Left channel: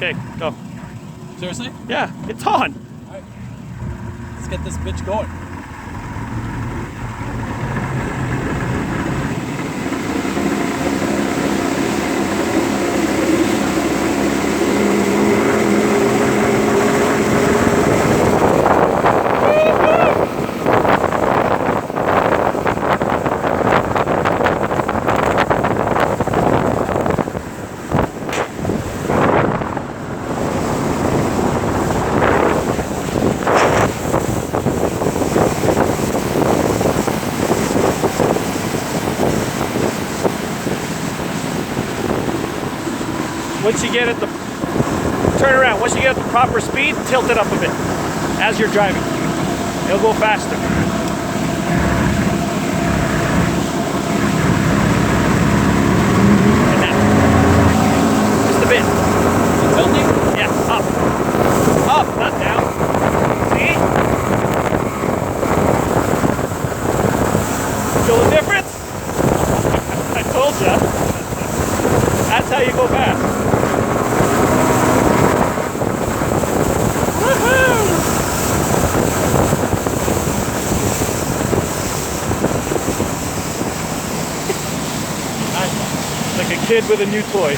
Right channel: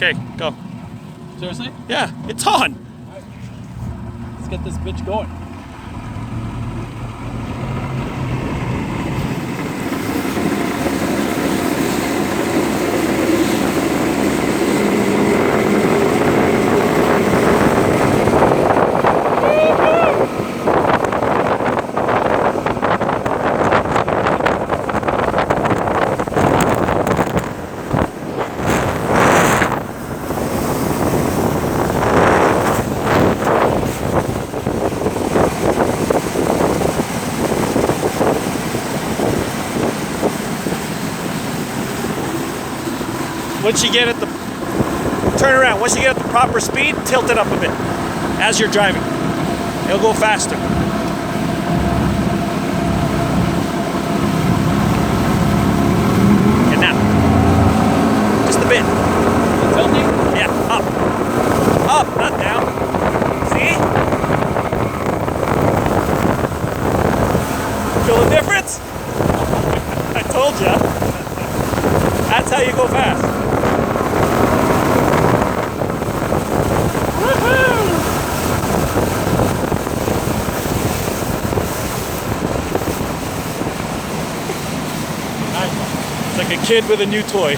Okay, go. Seriously? Yeah, it's on. All right. Let's get this bitch going. Once you get at the, turn around, once you get at the proper speed, tilt it up a bit as you're driving. It'll go faster. And now, just a bit. Yeah, up. Up, not down. See? Feel the difference? I told ya. That's how you go fast. Like a kid with a new toy.